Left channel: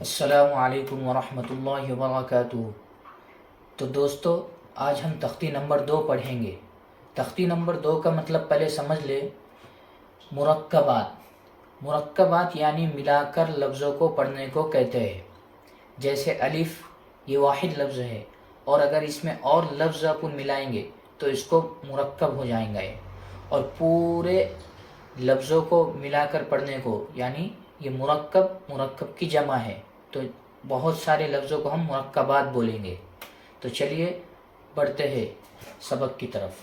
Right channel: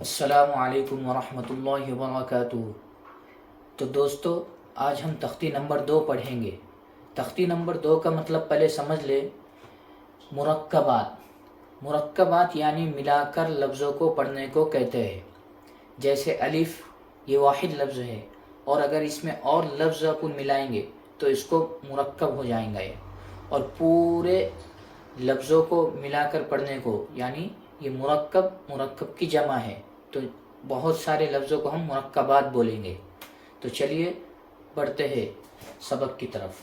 السلام علیکم ورحمۃ اللہ وبرکاتہ۔ تو دوستو، آج ہم تختی نمبر 2 پڑھیں گے۔ تختی نمبر 2 کا مطلب پہلے سمجھ لے۔ مرکبات یعنی ملا کر لفظوں کو پڑھنے کو کہتے ہیں۔ جیسے الف، یہ واحد لفظ ہے، اور اگر اس میں اور لفظ اپن ملائیں گے تو اس کو مرکب ہو جائیں گے، اور پورے لفظوں کو ملا کر پڑھنے کو یعنی یہ مرکب کی جمع ہے، تو بہت سارے لفظوں کو ہم مرکبات بولیں گے۔ تو چلیے بڑھتے ہیں سبق کی طرف۔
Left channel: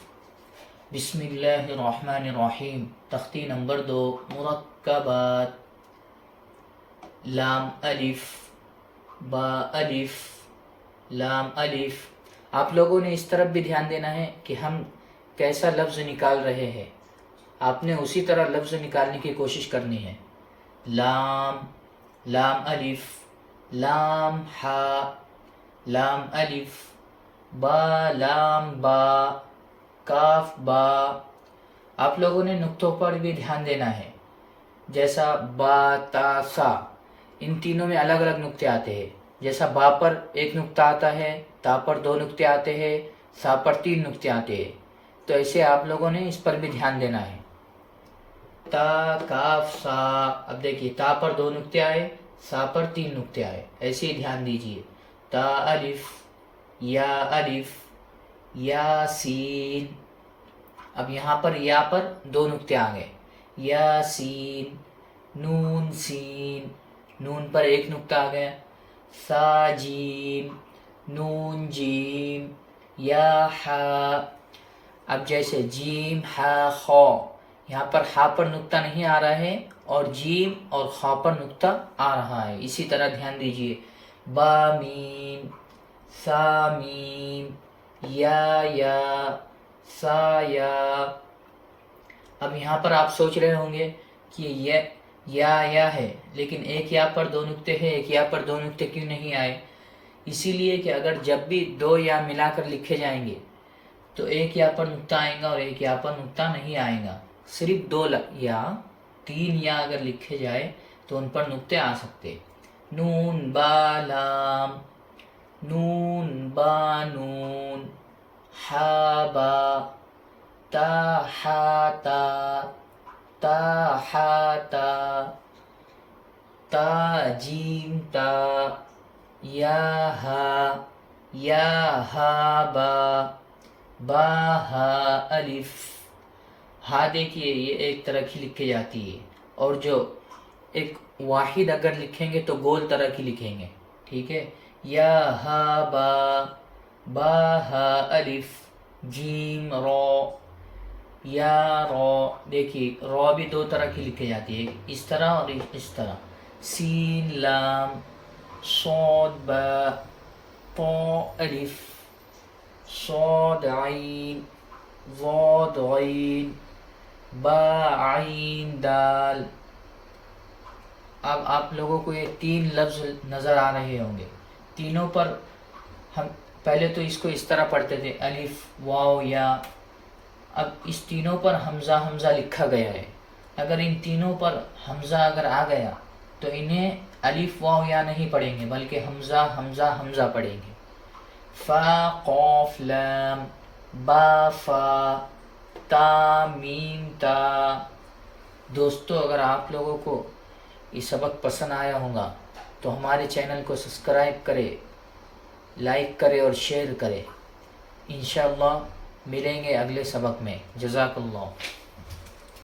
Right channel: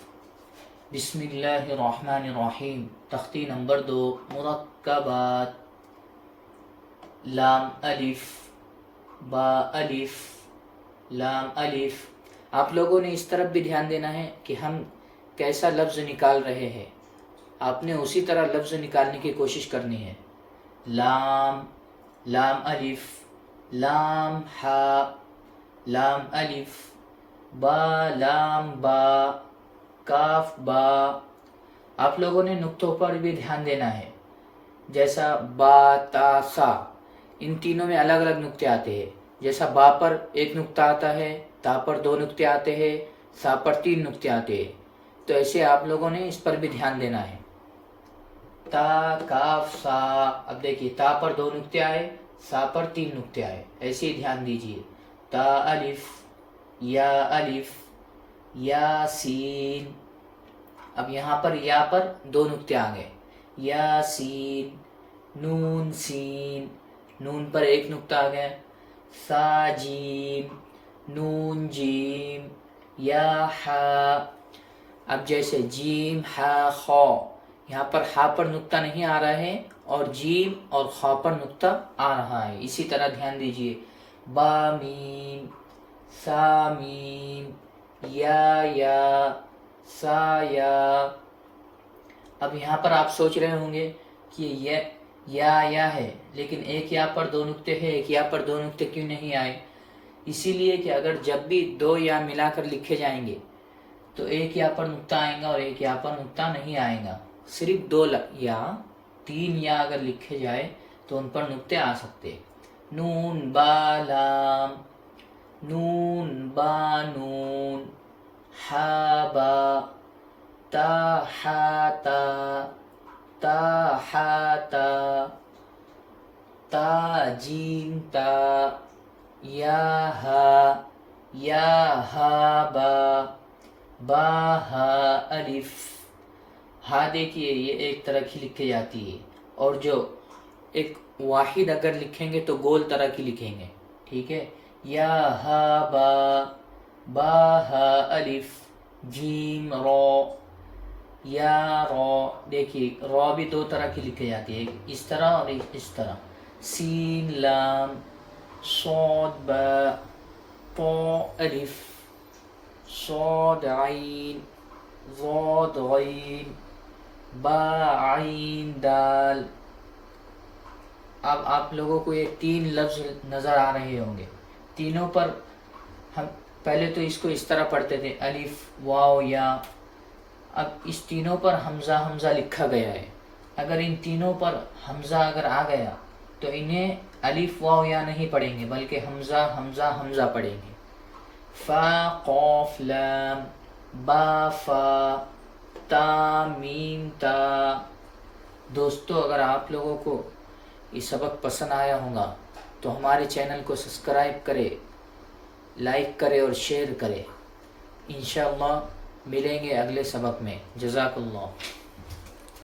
بسم اللہ الرحمن الرحیم۔ تختی نمبر 2، مرکبات۔ لام الف، با الف، لام الف۔ آپ لوگوں نے اس طرف بھی دھیان دینا ہے کہ ہم کیسا لفظ نکال رہے ہیں، آپ نے اسی طرح لفظ نکالنے کی کوشش کرنی ہے۔ لام، لام الف، لام ہا، لام الف، با لام با، کاف با۔ آپ لوگوں نے نقطوں پر بھی دھیان دینا ہے، جیسا با تا سا، ان تینوں میں الگ الگ نقطے آتے ہیں۔ جیسا با پر ایک نقطہ آتا ہے، تا پر 2 نقطے آتے ہیں، سا پر 3 نقطے آتے ہیں، تو ایسے آپ لوگوں نے اس پر بھی دھیان دینا ہے۔ تا کاف سا، اب دیکھیے تا پر 2 نقطے آئے، سا پر 3 نقطے آئے، ایسے ہی دھیان دیجیے۔ تا الف، یا سین۔ اب یہاں پر یا پر 2 نقطے آ گئے، یا سین، نون سین، نون پر 1 نقطہ آ گیا، سا جیم، نون جیم، یا ہا۔ اب جیسے جیم ہا خا، یہاں پر ہا پر نقطہ نہیں آ رہا ہے، اور جیم اور خا پر نقطہ آ رہا ہے، اسی طرح دھیان دیجیے۔ با میم، سا میم، یا، سا یا۔ اب یہاں پر آپ سوچ رہے ہوں گے کہ یہ یا ہے، لیکن ایک یا پر 2 نقطے ہے، ایک یا پر 2 نقطے کیوں نہیں آئے؟ اسی لیے کہ اگر جب بھی 2 یا ملا کر لکھے جائیں گے تو ایک یا پر نقطہ آئے گا اور ایک یا پر نقطہ نہیں آئے گا۔ صرف 2 یا 3 یا اگر لکھے جائے تو ان پر نقطے آ سکتے۔ نون با لام، نون با نون، ہا با، تا ہا تا، تا ہا تا، تا جیم تا، یا ہا با، با ہا الف۔ ہا دیکھیے یہ ایک طرح کی لکھی جاتی ہے، اور جو ایک واحد اگر لکھیں گے تو گول طرح کی لکھیں گے، ٹھیک ہے۔ یا ہا با، با ہا الف، جیم رو، یا رو۔ دیکھیے رو بھی 2 طرح کی لکھی جاتی ہے، اس طرح اور اس طرح۔ سین لام، صاد با، طا الف، صاد عین، ضاد غین، با عین دال۔ اب آپ لوگوں کو یہ 3 لفظ نظر آ رہے ہوں گے، تینوں پر ہم پہلے تو اس کو اس طرح پڑھتے تھے، الف واو یا۔ اب اس تینوں پر حمزہ لکھا گیا ہے، اگر ان تینوں پر حمزہ اگر آ گیا تو انہیں الف واو یا نہیں پڑھیں گے، بلکہ حمزہ پڑھیں گے۔ فا قاف لام، با فا، تا میم تا۔ دوستو، اگر آپ لوگوں کو یہ سبق پسند آیا ہوگا تو ہمارے چینل کو سبسکرائب کرے، لائک کرے اور شیئر کرے۔ انشاءاللہ ملیں گے اگلے سبق میں۔ جزاک اللہ۔